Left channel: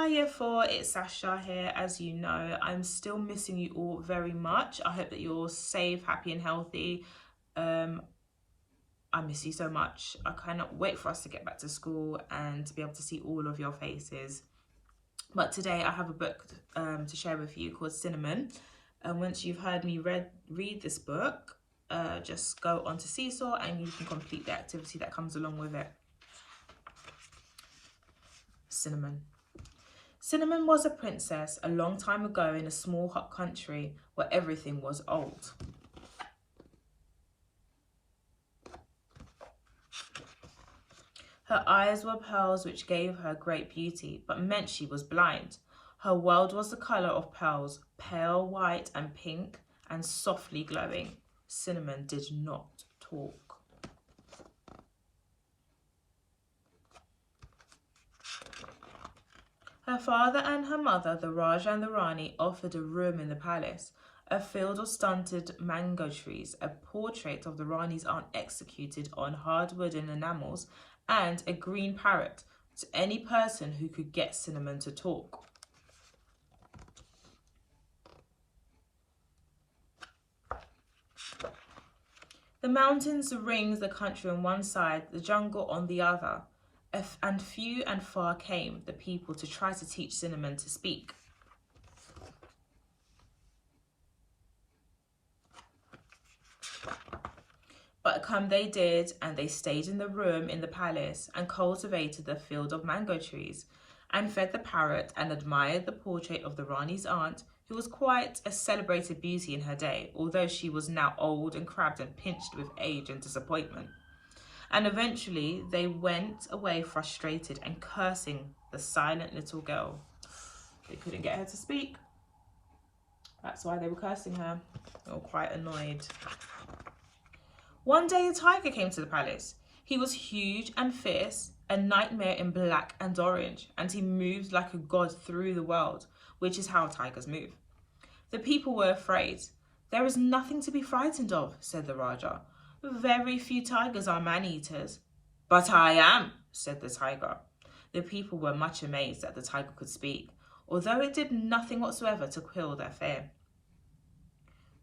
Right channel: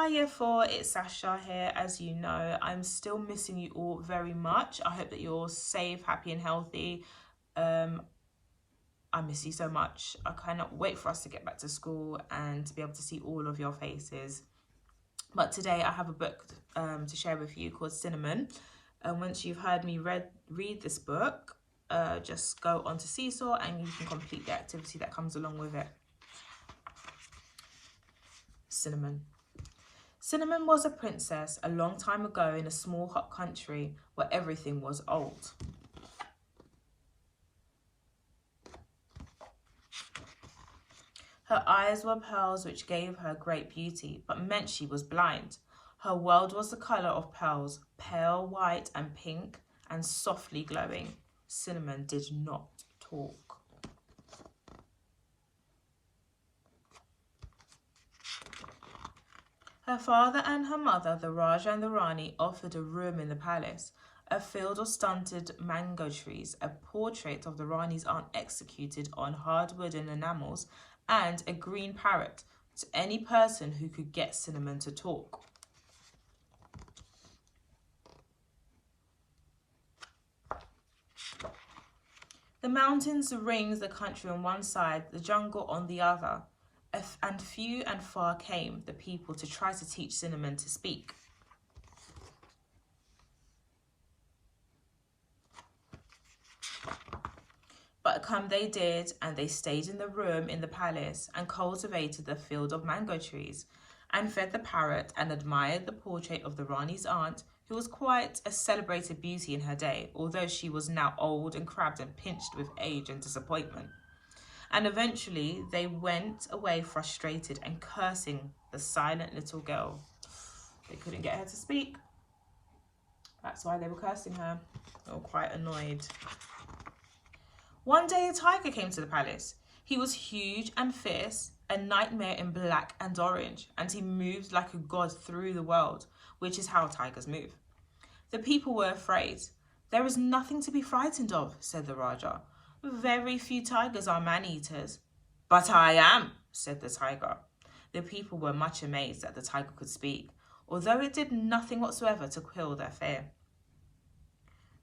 Hi Year 4, it's Sasha here. As you know, I'm still missing you all very much. I hope that you're all safe, happy and healthy. I miss you so much. I cannot wait for us to get back to school and to be able to see all of your faces. But today I have a book to share with you called Cinnamon. And once you've heard me read this book, just go onto Seesaw and you can complete the activity that comes along with it. Cinnamon. Cinnamon was a princess a long time ago in a small hot country where everything was old. Her eyes were pearls which gave her great beauty, but meant she was blind. Her world was the colour of pearls, pale white and pink and softly glowing. Cinnamon did not talk. Her father and her mother, the Raja and the Rani, offered a room in the palace, a field of stunted mango trees, a portrait of the Rani's aunt executed on hardwood and enamels, and a green parrot to any person who could get Cinnamon to talk. The mountains ringed the country on one side, the jungle on the other, and few and far came the people to try to teach Cinnamon to speak. But come they did, and they stayed in the room in the palace, and cultivated the field of mango trees, and fed the parrot, and admired the portrait of the Rani's aunt, who was quite a celebrated beauty in her day, although she was now old and crabbed and pinched with age and disappointment. And eventually they went away frustrated and cursing the silent little girl. They couldn't get her to speak. That's why they were cursing her. They were quite annoyed. One day a tiger came to the palace. He was huge and fierce, a nightmare in black and orange, and he moved like a god through the world, which is how tigers move. The people were afraid. There is nothing to be frightened of, said the Raja. Very few tigers are man-eaters. But I am, said the tiger. The people were much amazed that the tiger could speak, although it did nothing whatsoever to quell their fear.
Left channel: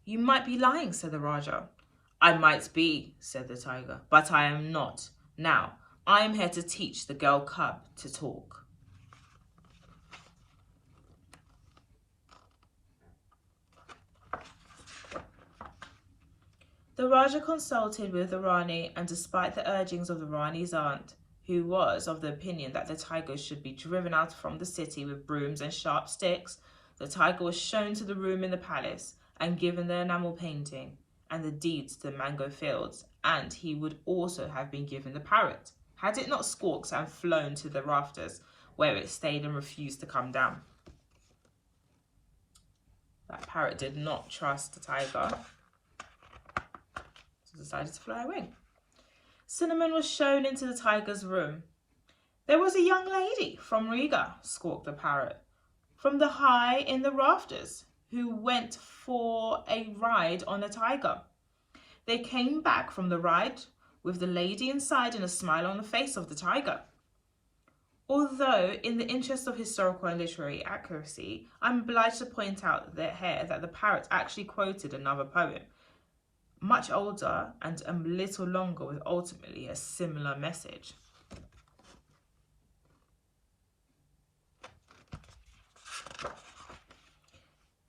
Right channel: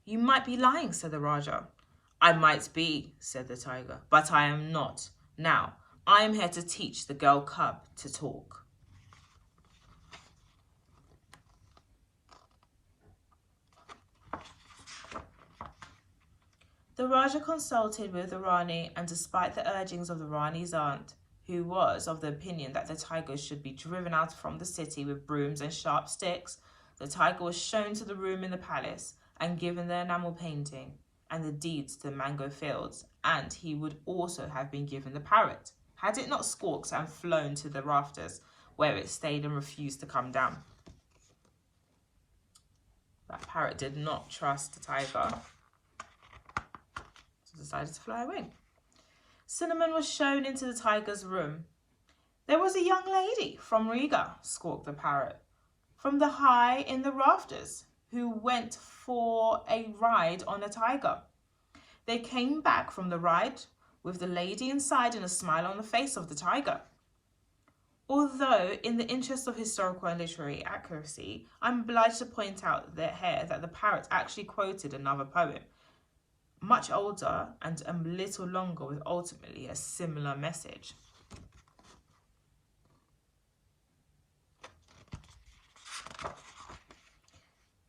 You might be lying, said the Raja. I might be, said the tiger, but I am not. Now, I am here to teach the girl cub to talk. The Raja consulted with the Rani, and despite the urgings of the Rani's aunt, who was of the opinion that the tiger should be driven out from the city with brooms and sharp sticks, the tiger was shown to the room in the palace and given the enamel painting and the deeds to the mango fields, and he would also have been given the parrot, had it not squawked and flown to the rafters, where it stayed and refused to come down. That parrot did not trust the tiger, so decided to fly away. Cinnamon was shown into the tiger's room. There was a young lady from Riga, squawked the parrot, from the high in the rafters, who went for a ride on a tiger. They came back from the ride with the lady inside and a smile on the face of the tiger. Although, in the interest of historical and literary accuracy, I'm obliged to point out that the parrot actually quoted another poem, much older and a little longer, with ultimately a similar message.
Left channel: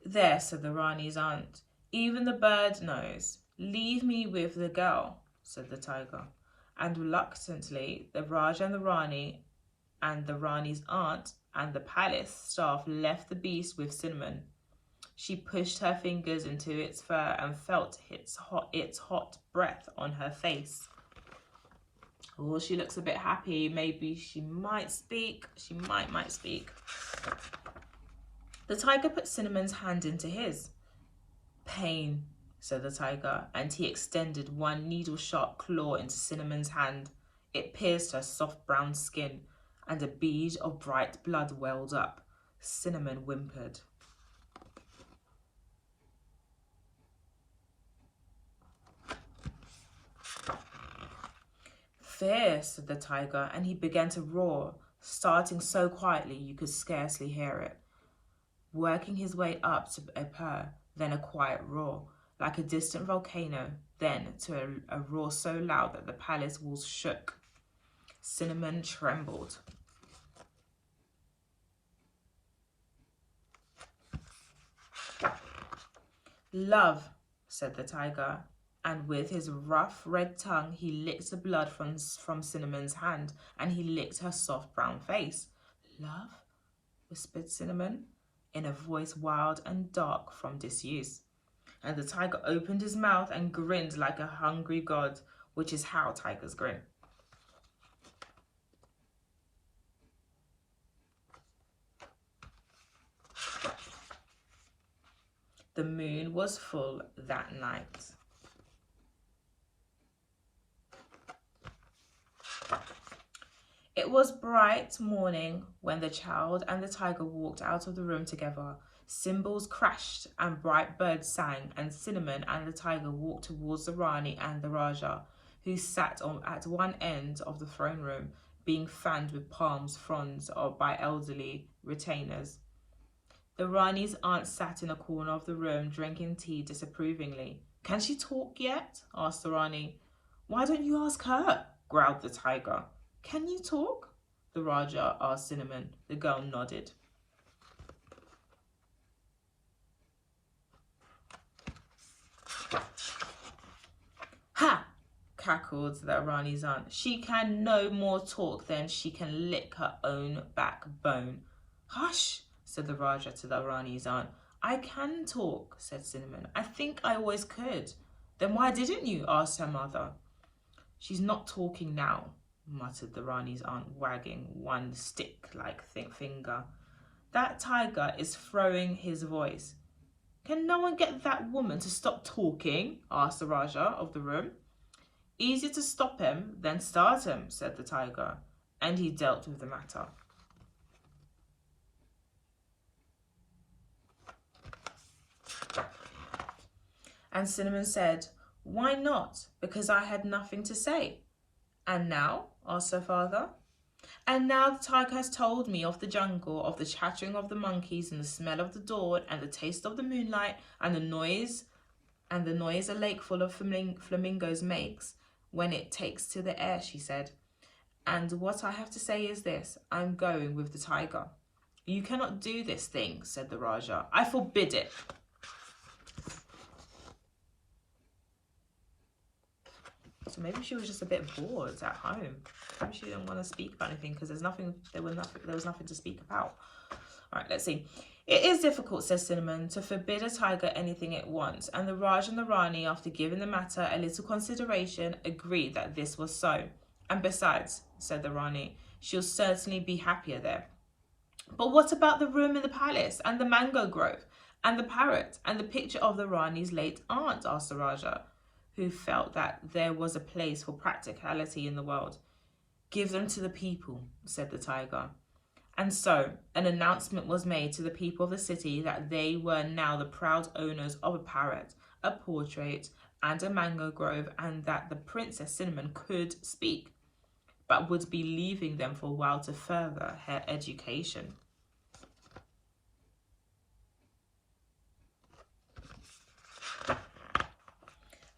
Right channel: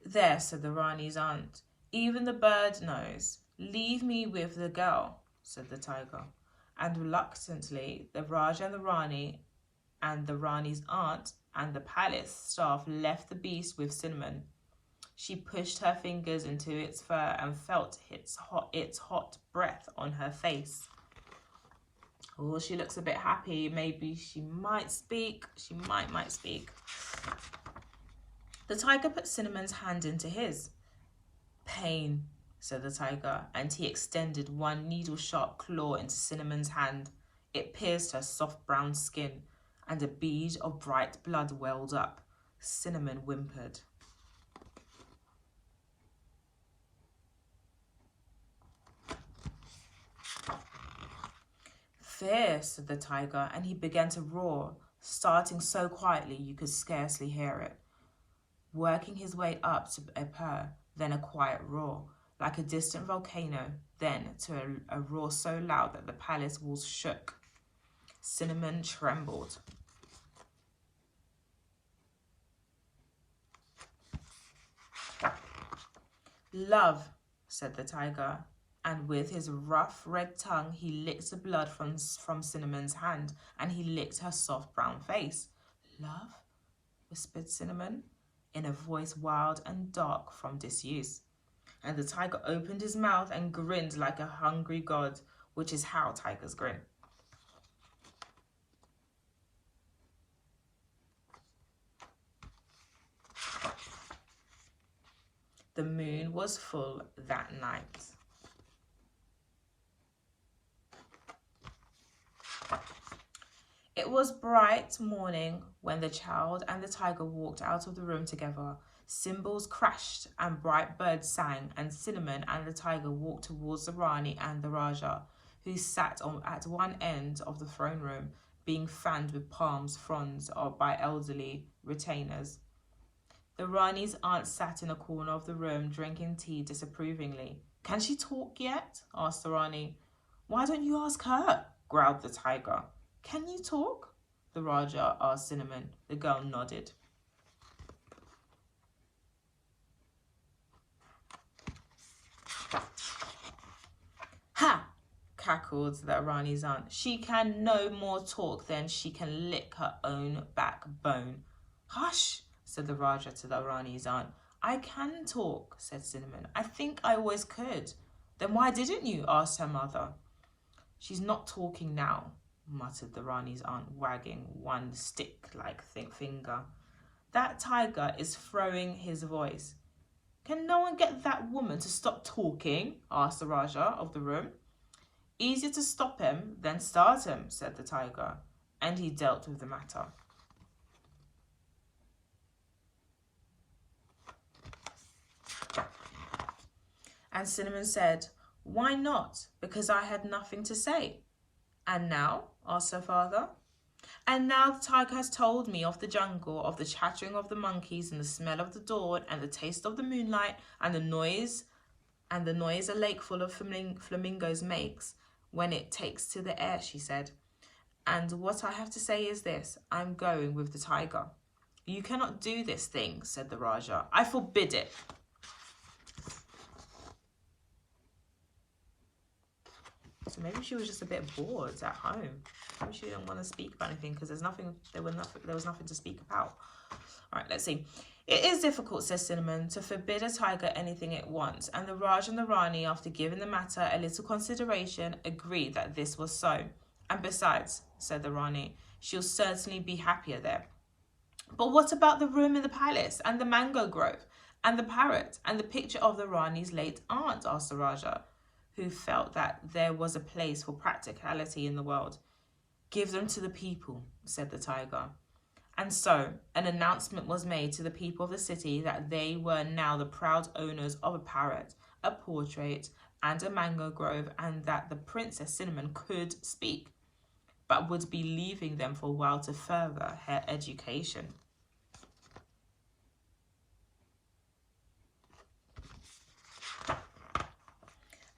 There, said the Rani's aunt, even the bird knows. Leave me with the girl, said the tiger. And reluctantly, the Raj and the Rani and the Rani's aunt and the palace staff left the beast with Cinnamon. She pushed her fingers into its fur and felt its hot breath on her face. Oh, she looks a bit happy. Maybe she might speak. She might speak. The tiger put Cinnamon's hand into his. Pain, said the tiger, and he extended one needle-sharp claw into Cinnamon's hand. It pierced her soft brown skin, and a bead of bright blood welled up. Cinnamon whimpered. Fear, said the tiger, and he began to roar. starting so quietly you could scarcely hear it, working his way up to a purr, then a quiet roar, like a distant volcano, then to a roar so loud that the palace walls shook. Cinnamon trembled. "Love," said the tiger, and with his rough red tongue he licked the blood from Cinnamon's hand, and he licked her soft brown face. "Love?" whispered Cinnamon, in a voice wild and dark from disuse. And the tiger opened his mouth and grinned like a hungry god, which is how tigers grin. The moon was full that night. It was bright morning when the child and the tiger walked out of the room together. Cymbals crashed and bright birds sang, and Cinnamon and the tiger walked towards the Rani and the Raja, who sat at one end of the throne room, being fanned with palm fronds by elderly retainers. The Rani's aunt sat in a corner of the room, drinking tea disapprovingly. "Can she talk yet?" asked the Rani. "Why don't you ask her?" growled the tiger. "Can you talk?" the Raja asked Cinnamon. The girl nodded. "Ha!" cackled the Rani's aunt. "She can no more talk than she can lick her own backbone." "Hush!" said the Raja to the Rani's aunt. "I can talk," said Cinnamon. "I think I always could." "Then why didn't you?" asked her mother. "She's not talking now," muttered the Rani's aunt, wagging one stick-like finger. "That tiger is throwing his voice." "Can no one get that woman to stop talking?" asked the Raja of the room. "Easier to stop him than start him," said the tiger, and he dealt with the matter. And Cinnamon said, "Why not? Because I had nothing to say." "And now?" asked her father. "And now the tiger has told me of the jungle, of the chattering of the monkeys, and the smell of the dawn, and the taste of the moonlight, and the noise a lake full of flamingos makes when it takes to the air," she said. "And what I have to say is this: I'm going with the tiger." "You cannot do this thing," said the Raja. "I forbid it." So maybe she was just a bit bored at home. Maybe she didn't want to speak about anything because there was nothing to speak about. All right, let's see. "It is difficult," says Cinnamon, "to forbid a tiger anything it wants." And the Raj and the Rani, after giving the matter a little consideration, agreed that this was so. "And besides," said the Rani, "she'll certainly be happier there." "But what about the room in the palace, and the mango grove, and the parrot, and the picture of the Rani's late aunt?" asked the Raja, who felt that there was a place for practicality in the world. "Give them to the people," said the tiger. And so an announcement was made to the people of the city that they were now the proud owners of a parrot, a portrait, and a mango grove, and that the Princess Cinnamon could speak, but would be leaving them for a while to further her education.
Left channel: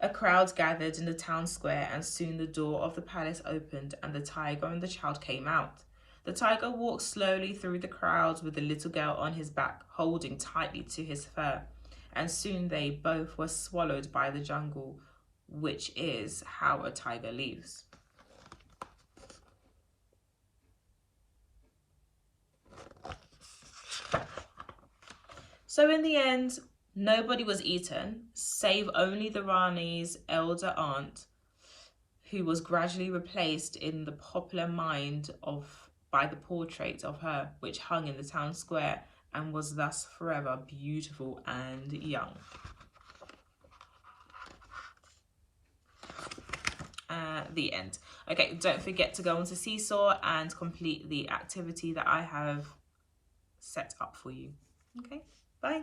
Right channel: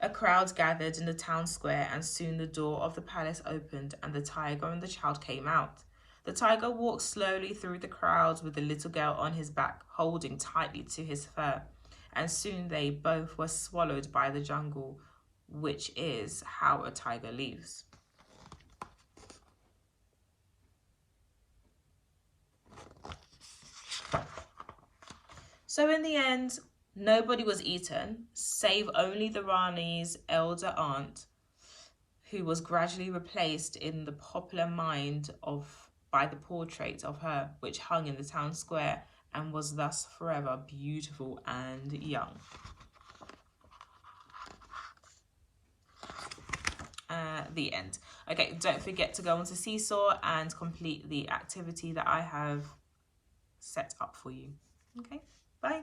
A crowd gathered in the town square, and soon the door of the palace opened, and the tiger and the child came out. The tiger walked slowly through the crowd with the little girl on his back, holding tightly to his fur, and soon they both were swallowed by the jungle, which is how a tiger leaves. So in the end, nobody was eaten, save only the Rani's elder aunt, who was gradually replaced in the popular mind by the portrait of her, which hung in the town square and was thus forever beautiful and young. The end. Okay, don't forget to go onto Seesaw and complete the activity that I have set up for you. Okay, bye.